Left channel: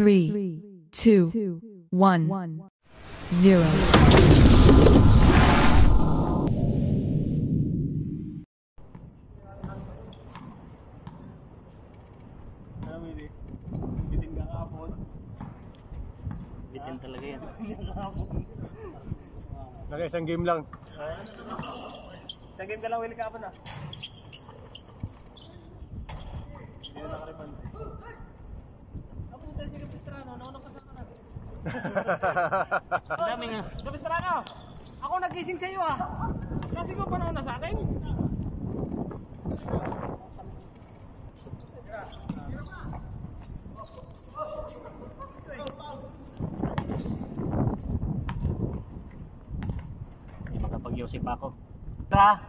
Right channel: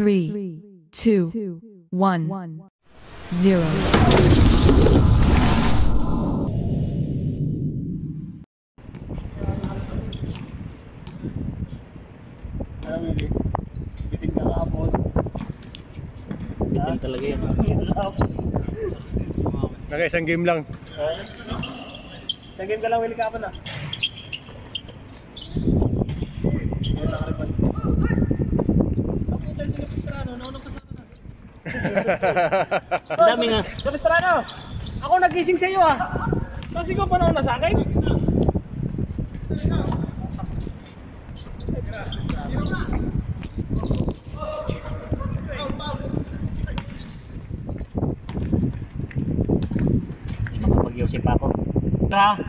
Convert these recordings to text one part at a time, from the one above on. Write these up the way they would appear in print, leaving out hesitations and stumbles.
3, 2, 1, 0. Bitin ka kahapon. Bitin talaga yan. Naka-isang game lang. Isang game ka lang, Willie kahapon ah. Ang dami nga. Kapistrano! Ako nagising sa iyo ah. Kasi ko panahon na sa akin. Hindi makapag-iusip ako. Tara!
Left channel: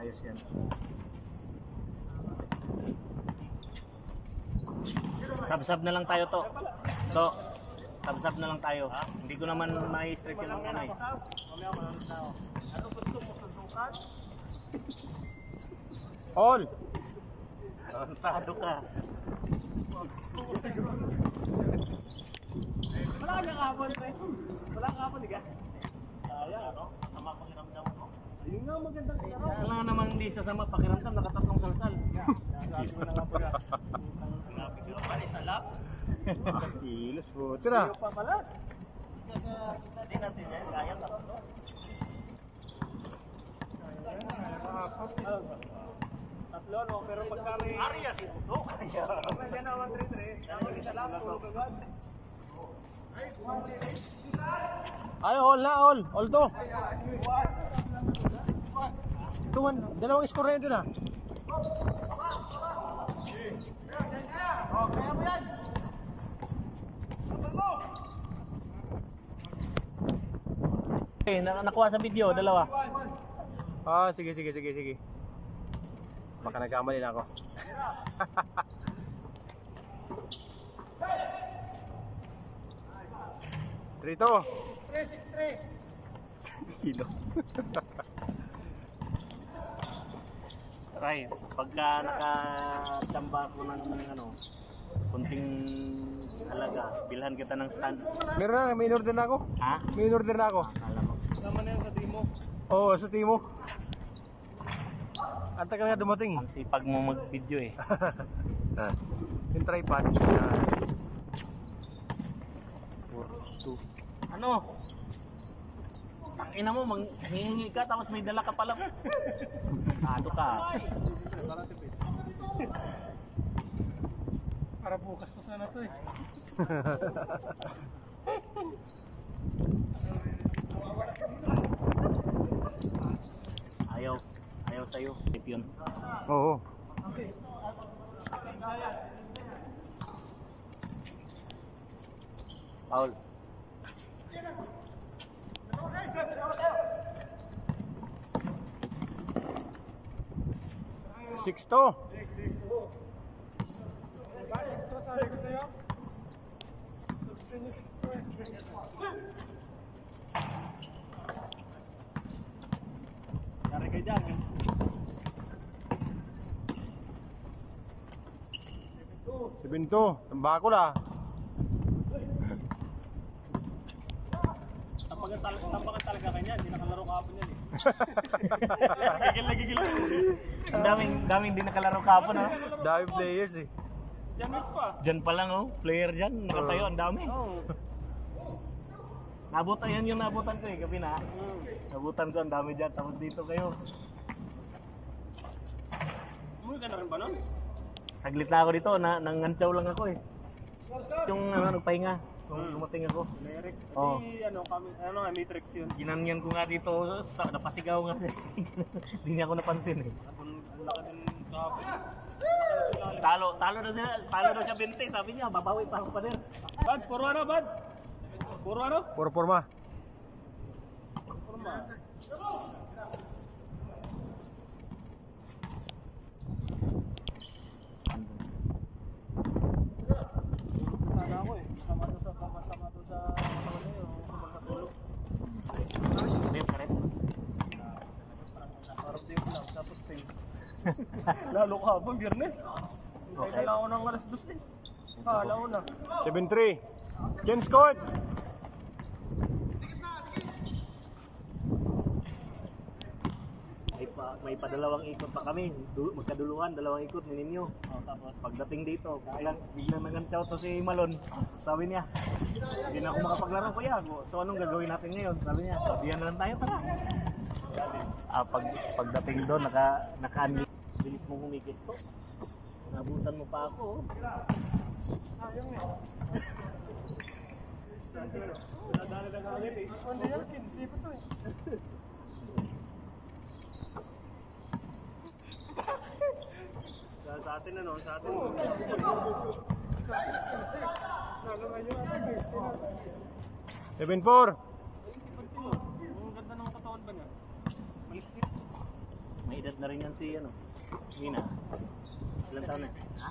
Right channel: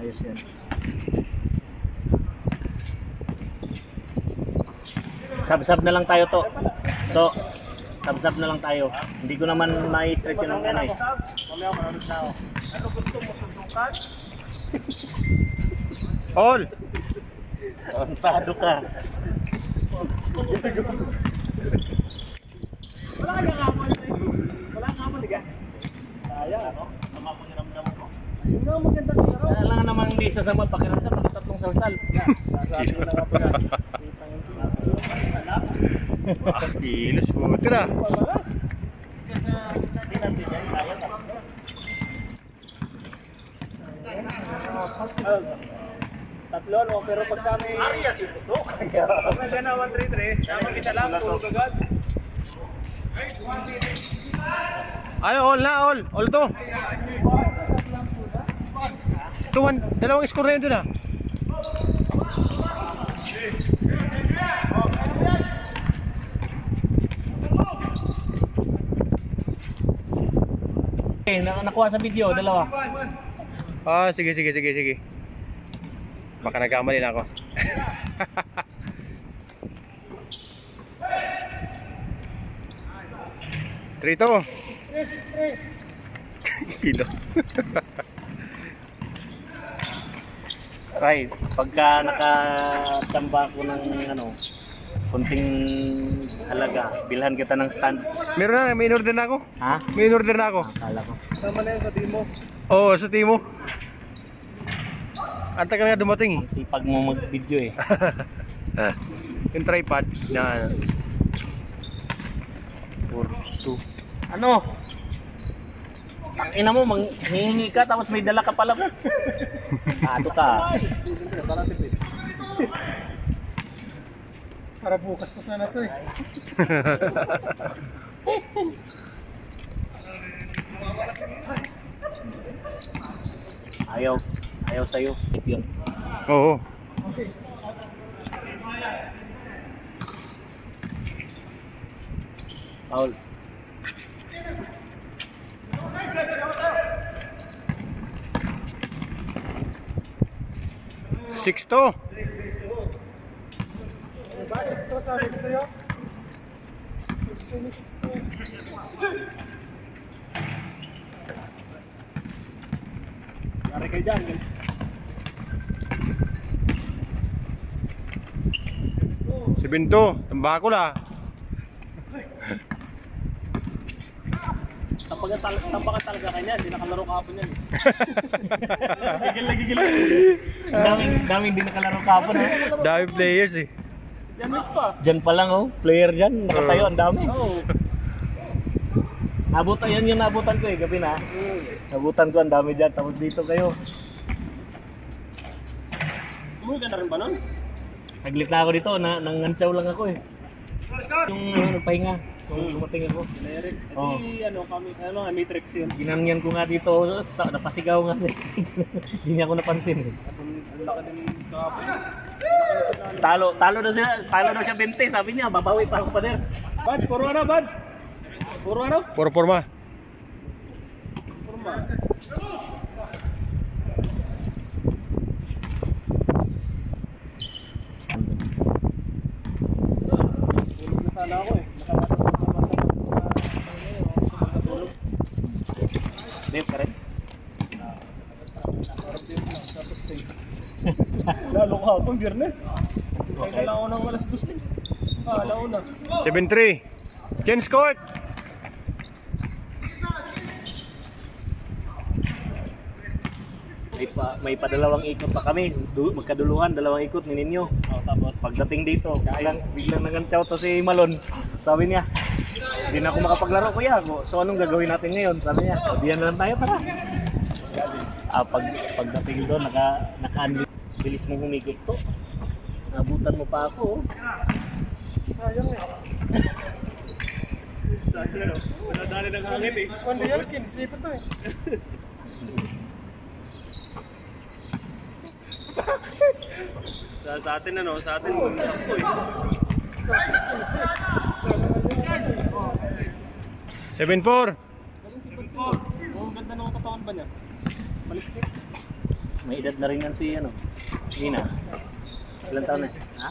Ayos yan. Sab-sab na lang tayo to. So, sab-sab na lang tayo. Hindi ko naman ma-straight yun ng ano eh. All! Tado ka. Wala ka kamali. Wala ka kamali ka. Kaya ano? Sama ko niramdam mo. Yun na maganda nila. Kailangan namang hindi sasama pakiramdam. Magtatlong salsal. Sabi ko na nga pala. Ah, kilos po. Tira! Tatlo no, pero pag kami Maria si Puto. Pag nagana 133, kami isa lang tulog agad. Ano, all na, all. All to. Tuwan, dalawang score na yun dun ah. Okay, nakuha sa video, dalawa. Ah, sige. Baka nagkamali na ako. Trito. Kilo. Right, pagka nakatamba ko ng ano, kunting halaga, bilhan kita ng stand. Meron na, may in-order na ako. Ha? May in-order na ako. Kala mo. Tama na yan sa Timo. Oo, sa Timo. Ang tagal nga dumating eh. Ang sipag mo mag-video eh. Yung tripod. Yan. 4, 2. Ano? Ina mo, hihingi ka tapos may dala ka pala mo. Ato ka. Para bukas pa sana to eh. Ayaw sa'yo. Yun. Oo. Paul. Sixto. Lari kayo dyan. Si Binto. Tambako la. Tampakan talaga kanya. Hindi nakalaro kahapon yan eh. Gigil. Daming hindi nakalaro kahapon ha. Dami players eh. Diyan pa lang oh. Player dyan. Nakatayo ang dami. Nabutan yan yung nabutan ko eh. Gabi na. Nabutan ko ang dami dyan. Tapos dito kayo. Umuwi ka na rin ba nun? Saglit na ako dito. Nangantsaw lang ako eh. Yung nagpahinga. Kung dumating ako. Oh. Ano kami, matrix yun. Ginanyan ko nga dito, napasigaw nga. Hindi niya ako napansin. Talo na siya 20, sabi niya, babawi pa ako pa der. Bads, puro ano, Bads? Puro ano? Puro forma. Sana ako eh. Dave ka rin? Lalo ka akong Biyernes. Kaya ako ng alas 2 din. Alauna. 7-3. Change court. May padalawang ikot pa kami. Magkaduluhan, dalawang ikot ni Ninyo. Tapos pagdating dito, biglang nagantyaw to si Malon. Sabi niya, hindi na ako makapaglaro kuya. So anong gagawin natin ngayon? Sabi niya, sabihan na lang tayo para. Pagdating doon, bilis mo humikot to. Nabutan mo pa ako. Sayang eh. Sayang eh. Nadali ng hangin eh. Ano yan? Kinisipan to eh. Sa atin ano, sa atin 7-4. Ang ganda ng katawan ba niya? Maliksik. May edad na rin yan si ano, Nina. Ilan taon na? Ha?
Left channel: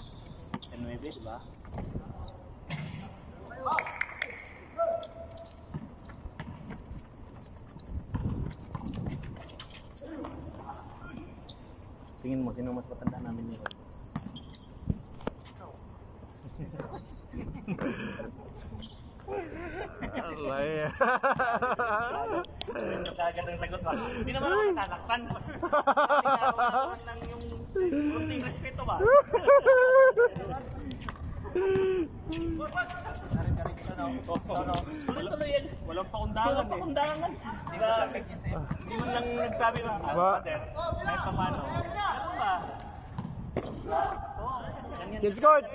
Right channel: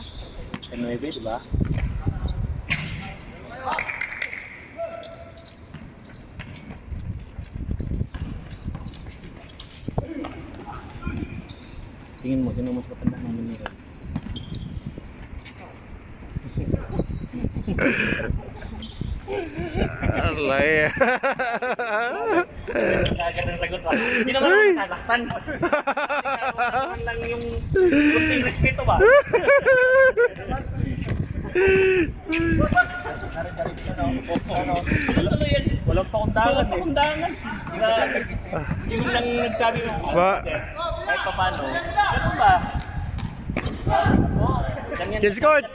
9, diba? Tingin mo, sino mas matanda namin nito? Alay. Kagad ang sagot mo. Hindi naman ako sasaktan. Hindi lang yung kunting respeto ba? Tuloy yan. Walang pakundangan eh. Yung lang nagsabi mo. Kahit pa paano. Ganun ba? Change court.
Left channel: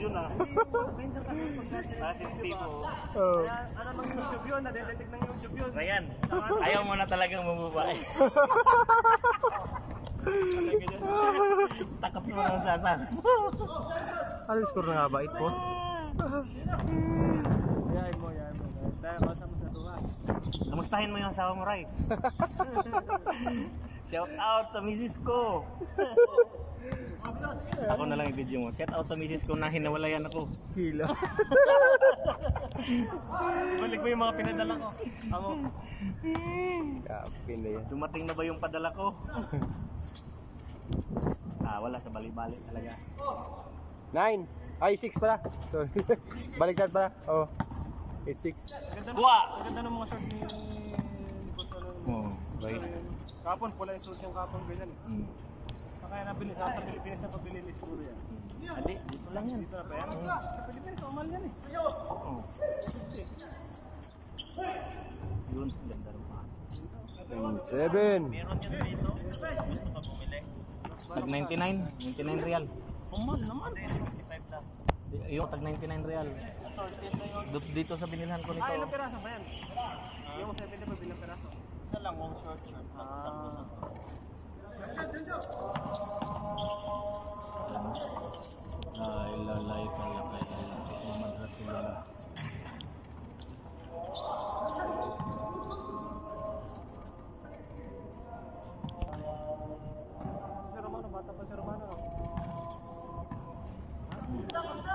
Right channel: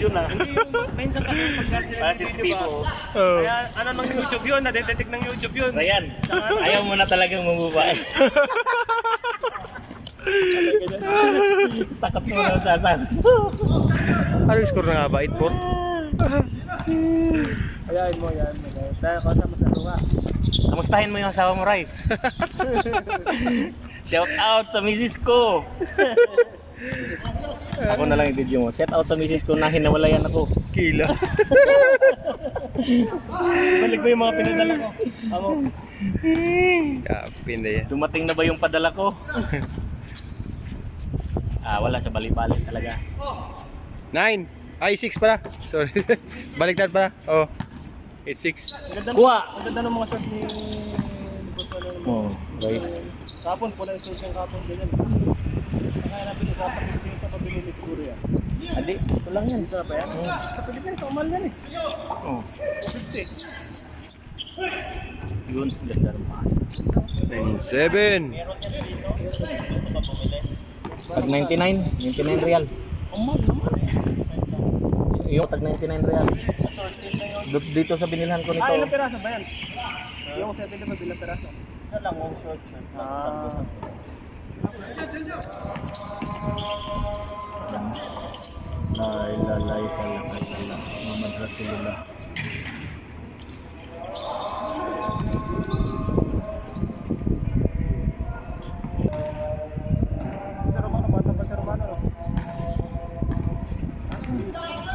Yun ah. Hindi yung minsan kasi pagka-sensitive. Kaya ano ng YouTube yun, nadetect ng YouTube yun. Ryan, ayaw mo na talagang mabubae. Takot mo na sasabi. Ano yung score na nga ba? 8-4? Ayayin mo yan. Dahil kasama sa luha. Kamustahin mo yung asawa mo, Ray. Shout out sa misis ko. Ako na lang i-video mo. Shout out sa misis ko na hinawalayan ako. Kila. Balik mo yung mga pinadala ko. Ako. Kapin na yan. Dumating na ba yung padala ko? Wala sa bali-bali talaga. 9. Ay, 6 pala. Sorry. Baliktad pala. Oh. 8-6. Kuha! Ang ganda ng mga shot ni... Right. Kapon, pula yung suit yung kapon, ganyan. Kaya natin yung sasakit din sa pabili ni siguro yan. Hindi, ito lang yan. Ito na ba yan? Sa Pilipinas, sa umal yan eh. Oo. 50. Yun, ganda rin pa. 9-7. Tag 99 real. Umal naman. Yung tag 99 real. Dito sa binilhan ko nito. Ilang peraso ba yan? Yung 7 na bilang peraso. Isa lang, one short. Lalay talaga. Muhammad Rasulullah. Sa Romano, bata pa sa Romano.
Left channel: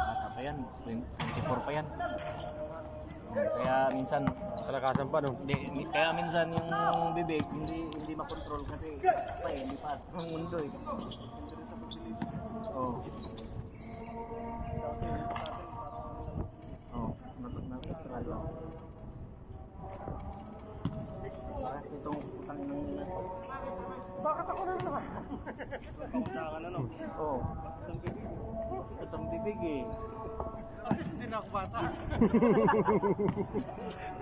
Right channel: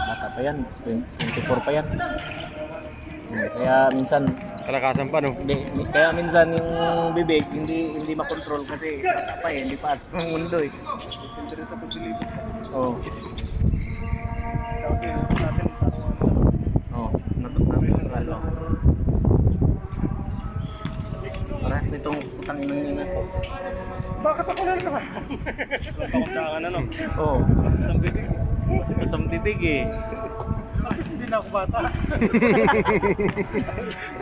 Bata pa yan, 24 pa yan. Kaya minsan Kalakasan pa, no? kaya minsan yung bibig hindi makontrol kasi pa eh, hindi pa ang mundo eh. Depende sa pagpili. Oo. Sa kasi natin natural. Paras nitong utang ina ko. Bakit ako na naman? Pakundangan ano? Oo. Sa bibig. Basta sa bibig eh. Hindi na ako bata.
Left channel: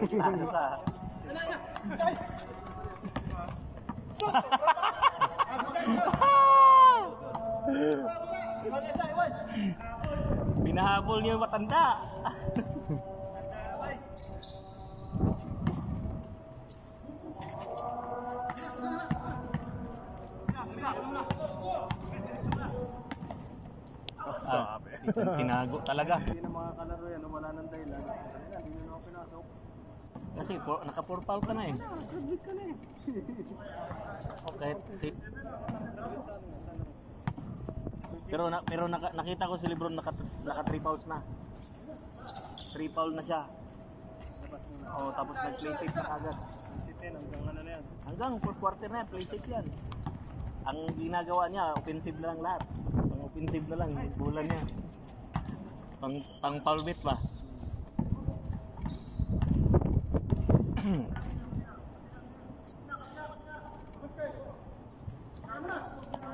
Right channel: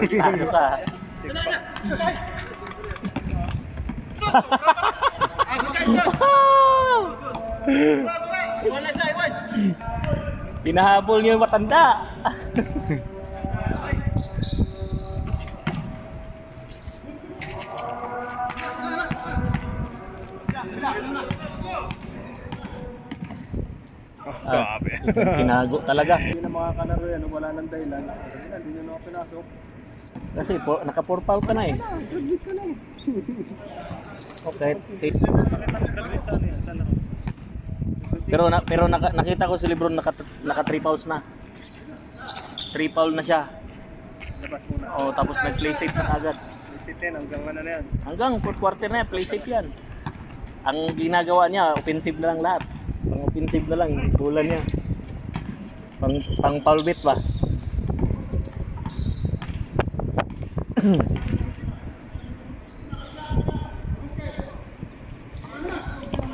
Ano ka? Binahabol niyo yung matanda. Grabe. Kinago talaga. Hindi na makakalaro yan, wala nang dahilan. Hindi nyo na pinasok. Kasi naka-4 foul ka na eh. Okay, safe. Pero nakita ko si Lebron naka 3 fouls na. 3 foul na siya. Labas muna. Oh, tapos nag-play safe na agad. Play safe yan, hanggang ano na yan. Hanggang 4th quarter na yan, play safe yan. Ang ginagawa niya, offensive na lang lahat. Mga offensive na lang, bulan niya. Pang foul bit ba?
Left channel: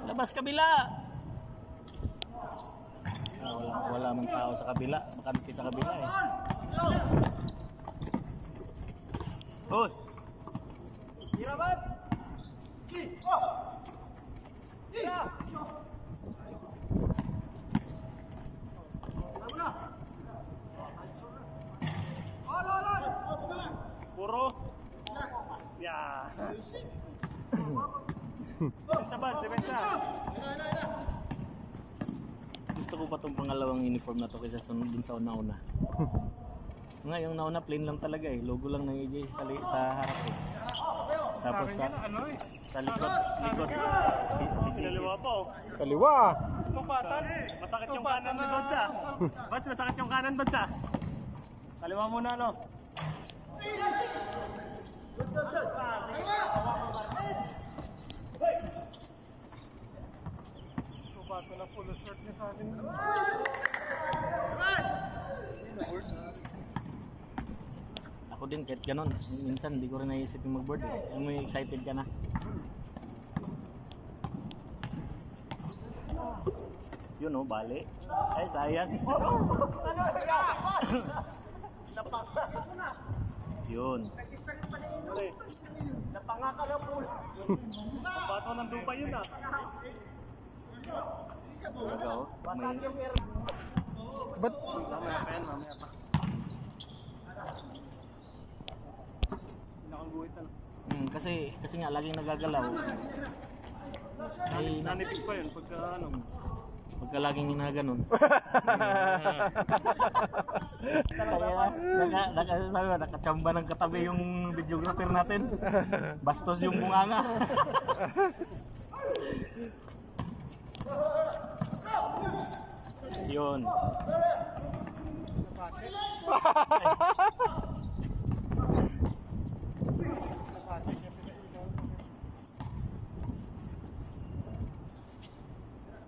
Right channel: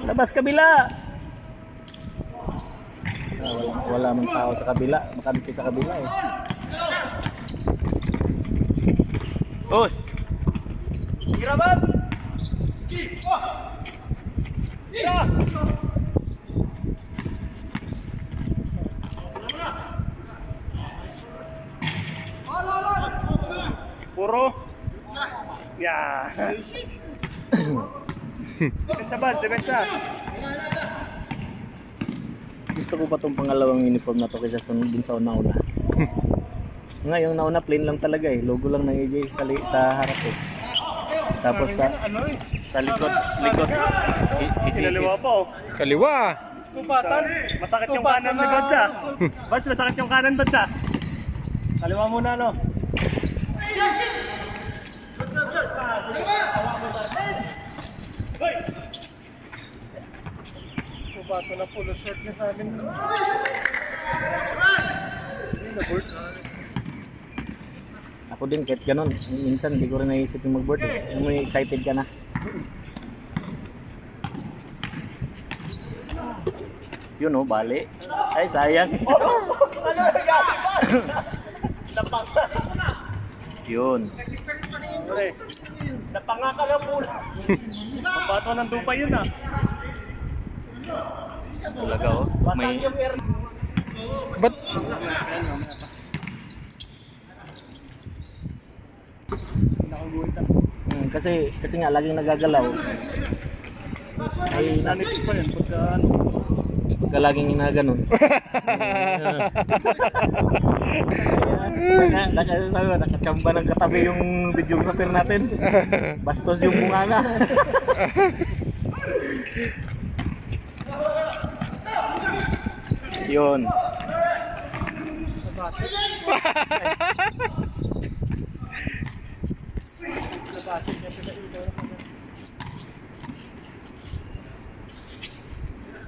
Labas kabila. Wala man tao sa kabila, makamiti sa kabila eh. Oy. Irabat. Ira. Puro. Ya. Sebentar. Gusto ko pa tong pangalawang uniform na to kaysa dun sa una-una. Ngayon nauna plain lang talaga eh. Logo lang ng AJ sa harap eh. Tapos sa likod Kinaliwa po. Kaliwa. Kupatan. Masakit yung kanan ni Godsa. Ba't masakit yung kanan, Godsa? Kaliwa muna, no? Kupatan na pulo short niya sa akin. Ako din kahit ganun. Minsan hindi ko rin naisip yung mag-board eh. May excited ka na. Yun oh, bali. Ay sayang. Yun. Napangaka na po. Bato ng dupa yun ah. Talaga oh. May Ba't? kasi nga laging nagagalaw. Ay Nanipis pa yun pagka ano. pagka laging ginaganon. Sabi mo, nakachamba ng katabi yung videographer natin. Bastos yung bunganga. Yun.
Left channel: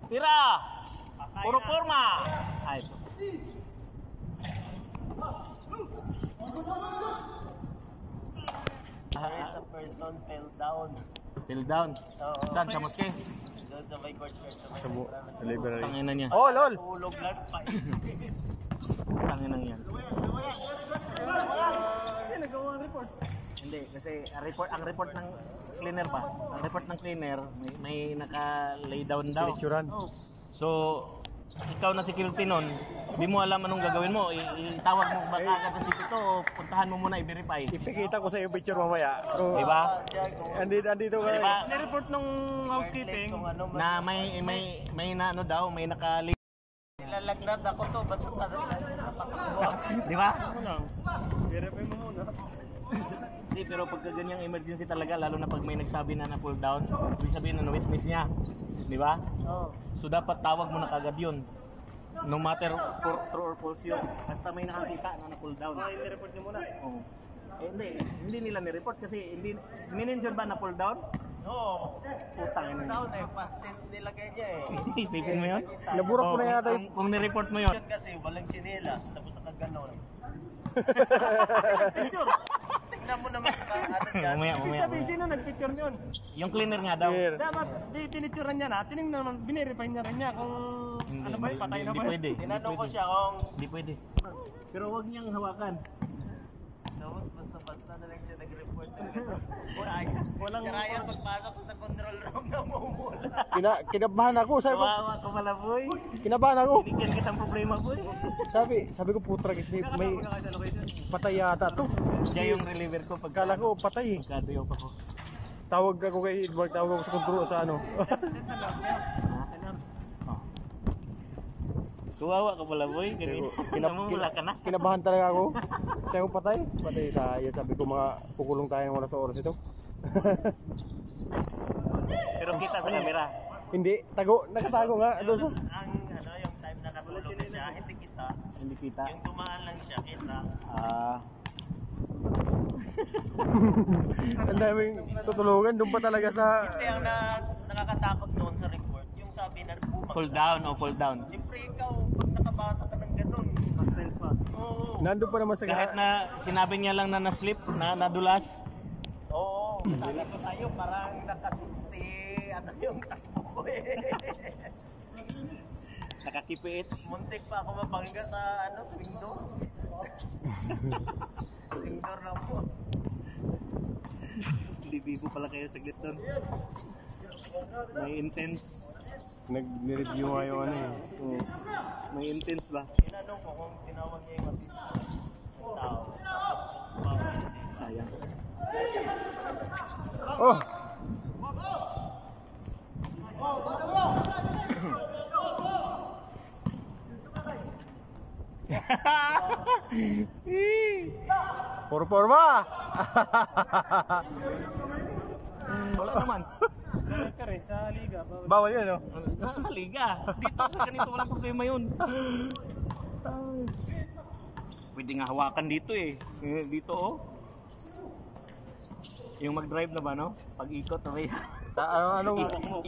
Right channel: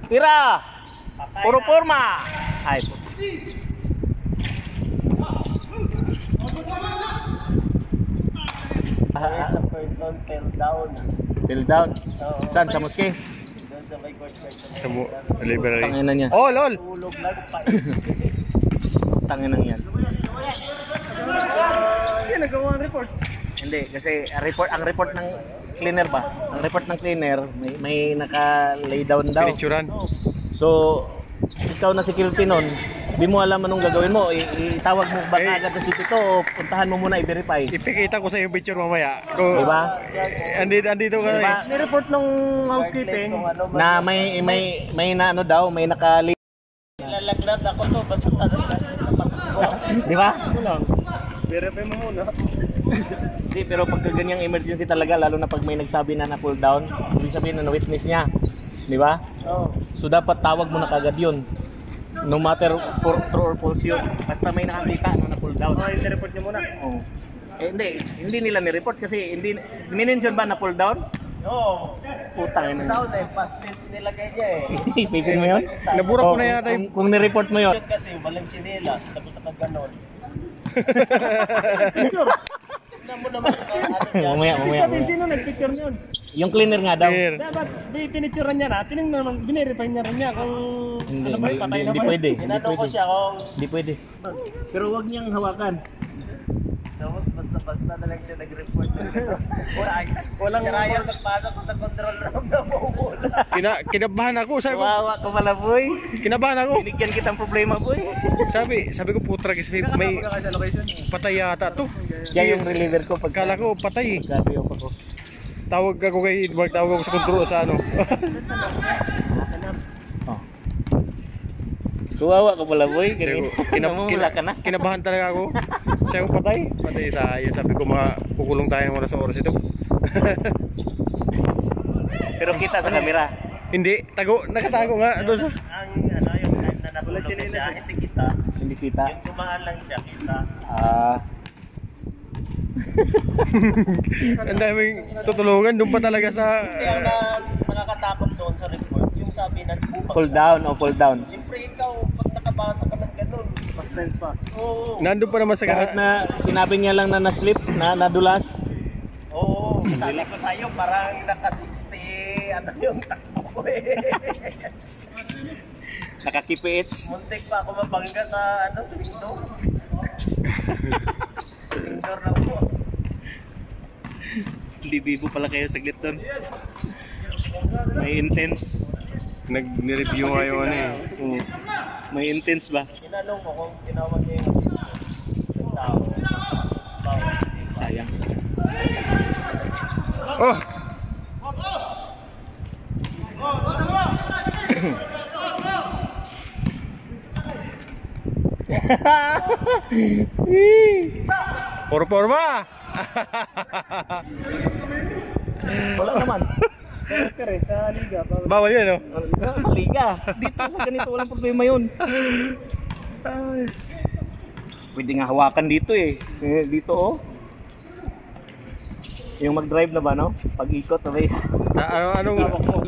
Tira! Puro forma! Ay po. Sa person fell down. Fill down. Saan? Sa moske? Doon sa may court Sa library. Tanginan niya. Oh, lol. tulog lang pa. Tanginan yan. Kasi nagawa ang report. Hindi, kasi ang report ng cleaner ba? Ang report ng cleaner, may naka-lay down daw. Pinicturan. So, ikaw na security nun, di mo alam anong gagawin mo. Itawag mo ba agad sa city to o puntahan mo muna i-verify. Ipikita ko sa yung picture mamaya. Kung Diba? andito ka Diba? na Ni-report ng housekeeping. Na may na ano daw, may naka-lay. Lalagnat ako to, basta talaga. Di ba? Ano lang? Verify mo muna. Hindi, pero pagka ganyang emergency talaga, lalo na pag may nagsabi na na-pull down, ibig sabihin na witness niya. Di ba? Oo. So dapat tawag mo na kagad yun. No matter for true or false yun. Basta may nakakita na na-pull down. Okay, ni-report niyo muna. Oh. Eh hindi nila ni-report kasi hindi minention ba na pull down? Oo. Putang ina. Down eh, past tense nilagay niya eh. Isipin mo yun? Nabura ko Oh, na yata yung kung ni-report mo yun. Kasi walang chinelas, tapos nakaganon. Tignan mo naman sa ano dyan. Umaya. Sino nag-picture niyon? Yung cleaner nga daw. clear. Dapat pinicturean niya na, tinignan naman, binirify niya rin niya kung Hindi, ano ba, patay na hindi ba? pwede. Hindi Tinanong ko pwede. siya kung Hindi pwede. Pero wag niyang hawakan. tapos basta-basta na lang siya nag-report. Walang Ryan magpasok ko sa control room na mumula. Kinabahan ako, sabi ko. Kawawa ko pala boy. Kinabahan ako. Binigyan kitang problema boy. Sabi ko putra kasi may patay yata to. Siya yung reliever ko pagka Kala ko patay eh. gabi ako. Tawag ako kay Edmark, tawag ako sa control sa ano. Oh. Kawawa ko pala boy. Sabi ko, Namumula ka na. kinabahan talaga ako. Sabi ko patay tayo. Sabi ko kukulong tayo muna sa oras ito. Pero kita sa camera. Hindi, nakatago nga doon sa. Ang ano yung time na natulog siya, hindi kita. Hindi kita. Yung tumaan lang siya, kita. Ang daming tutulungan doon pa talaga sa Kasi ang nakakatakot doon sa report, yung sabi na Fall down o fall down. siyempre ikaw, pag nakabasa ka ng ganun, mas tense pa. Oo. Nandun pa naman sa Kahit na sinabi niya lang na na-slip, na nadulas. Oo, sabi ko sa'yo, parang naka-60, ano yung takbo ko eh. Nakakipiits. Muntik pa ako mabangga sa ano, swing door. Swing door na po. Libibo pala kayo saglit doon. May intense. nag-review nga yung ano eh. Oo. May intense ba? Tinanong ko kung tinawag niya yung tao. Sayang. Oh! Puro forma! Wala naman. Sa liga. Bawal yan, no? Sa liga. Dito sa ganito walang problema yun. Pwede nga hawakan dito eh. Dito oh. Yung mag-drive na ba no? Pag-ikot sabay.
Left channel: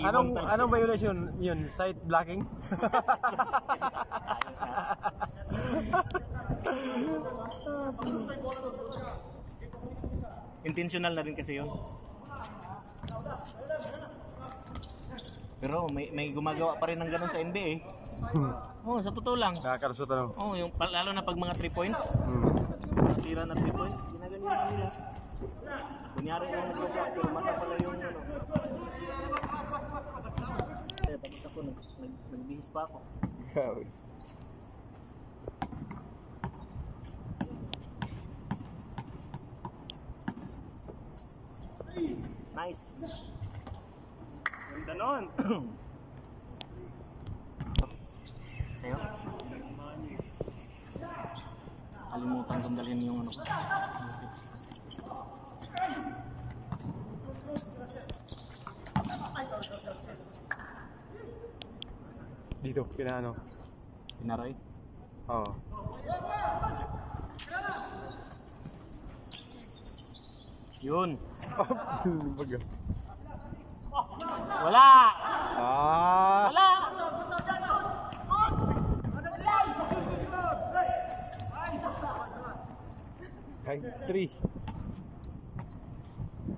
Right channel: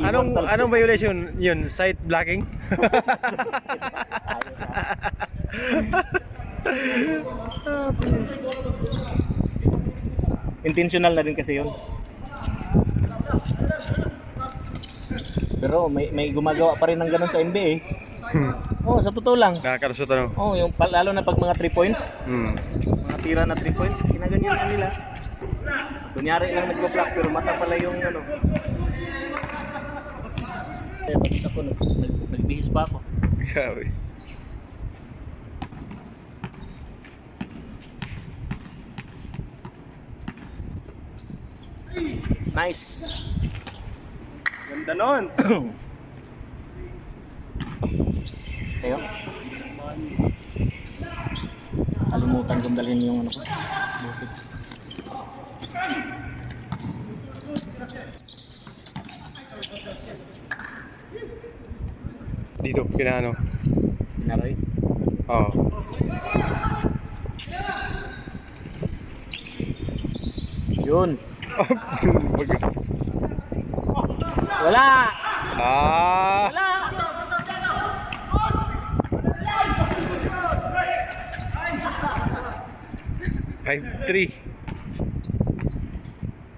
Anong violation yun? Side blocking? Intentional na din kasi yun. Pero may gumagawa pa rin ng ganun sa NBA. Oh, sa totoo lang. Nakakalusot ano? Oh, yung lalo na pag mga 3 points, mga tira na 3 points, ginaganyan na nila. Kunyari lang nagpo-block pero mata pala yung ano. Eh, tapos ako nagbihis pa ako. Grabe. Nice. Ganda nun. Kayo? Kalimutan kong dalhin yung ano ko. Dito, kinaano? Pinaroy? Oo. Yun. Wala! Ah! Wala! Five, 3.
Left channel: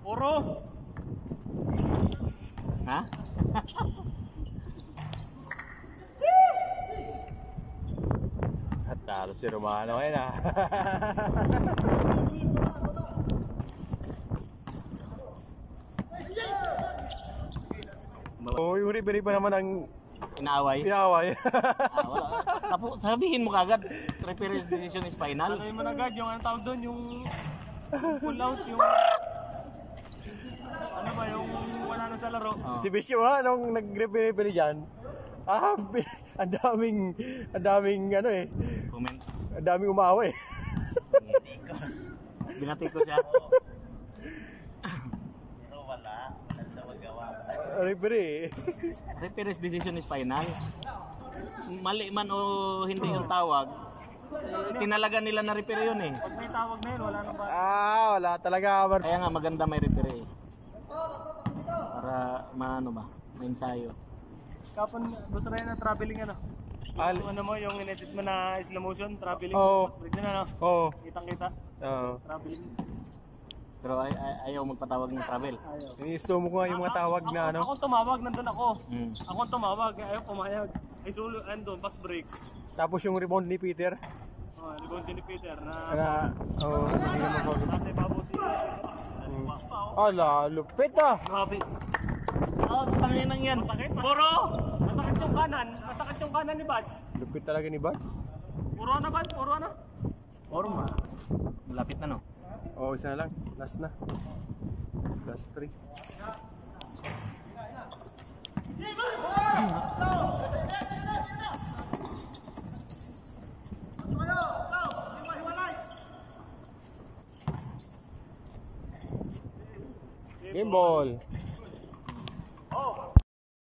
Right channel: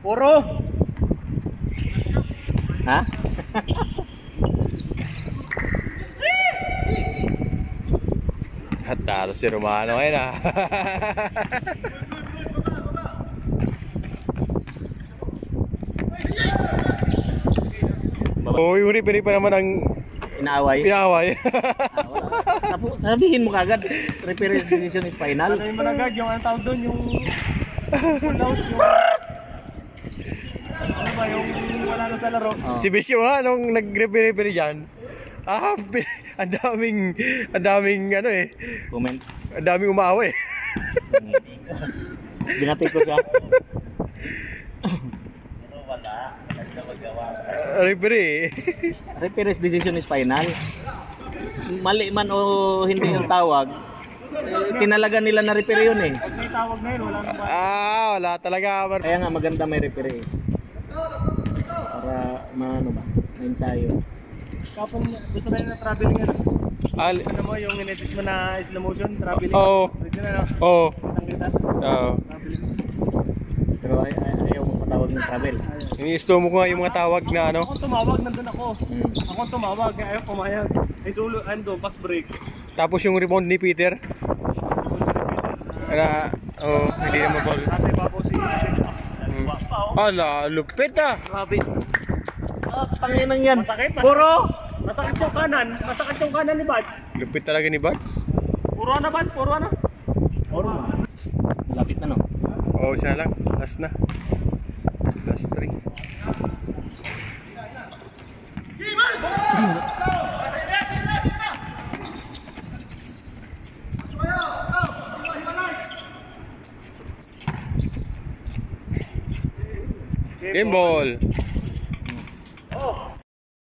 Puro! Ha? Taro si Romano ngayon ah. Oh, yung referee pa naman ang Inaaway? inaaway. Sabihin mo kagad, referee decision is final. Ano yung managad, yung ang tawag doon, yung pull out, yung ano ba, yung wala na sa laro. Oh. Si Bisyo ha, nung nag-referee dyan, ang daming ano eh, Comment. ang daming umaaway. Binati ko siya. Referee. Referee's decision is final. Mali man o hindi yung tawag, tinalaga nila na referee yun eh. Pag may tawag na yun, wala na ba? Wala talaga. Kaya nga maganda may referee. Para maano ba, ensayo. Kapon, gusto na yun na traveling yan. Ano mo, yung in-edit mo na slow motion, traveling. Oo. Pwede na, no? Oo. Kitang-kita. Oo. Traveling. Pero ayaw magpatawag ng travel. Ini-slow mo ko nga yung mga tawag na ano. Ako tumawag, nandun ako. Mm. Ako tumawag, kaya ayaw pumayag. Ay sulo, ando, fast break. Tapos yung rebound ni Peter. Hindi naman pa. Kasi bago si Ala, lupit ah. Grabe. Tanginang yan. Masakit. Puro! Masakit yung kanan. Masakit yung kanan ni Bads. Lupit talaga ni Buds. Puro na Bads, puro na. Puro. Malapit na no. Oo, isa na lang. Last na. Last 3. Game ball.